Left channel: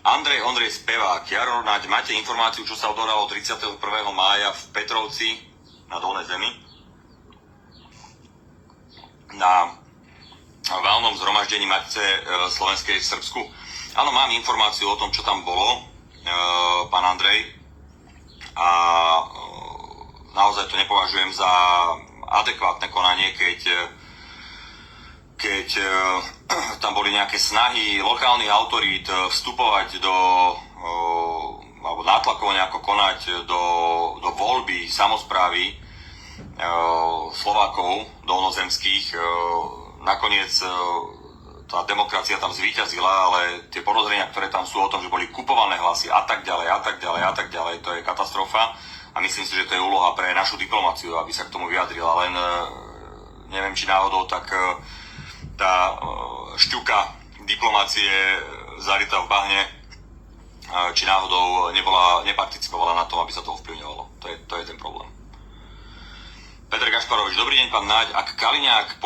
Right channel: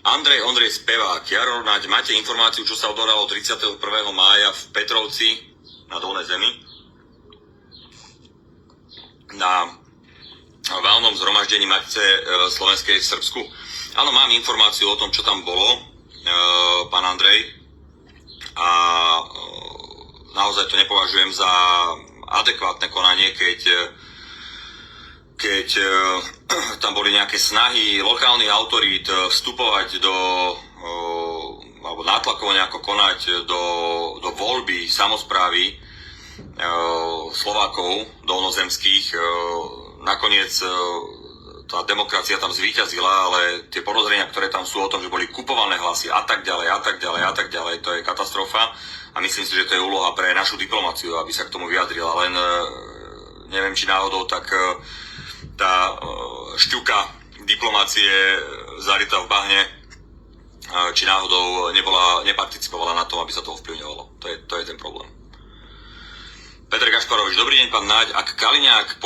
Ondrej Spevák. Jaro, máte informáciu, čo sa odohralo 31. mája v Petrovci na Dolnej Zemi? Na valnom zhromaždení Matice slovenskej v Srbsku. Áno, mám informáciu o tom, čo tam bolo, pán Andrej. A naozaj to nepovažujem za adekvátne konanie, keď tam boli nejaké snahy lokálnych autorít vstupovať alebo nátlakovo nejako konať do voľby samosprávy Slovákov dolnozemských. Nakoniec tá demokracia tam zvíťazila, ale tie podozrenia, ktoré tam sú o tom, že boli kupované hlasy a tak ďalej, to je katastrofa. A myslím si, že to je úloha pre našu diplomáciu, aby sa k tomu vyjadrila. Len neviem, či náhodou tak tá šťuka diplomácie zarytá v bahne, či náhodou neparticipovala na tom, aby sa to ovplyvňovalo. To je ten problém. Peter Gašparovič, dobrý deň, pán Naď. Ak Kaliňák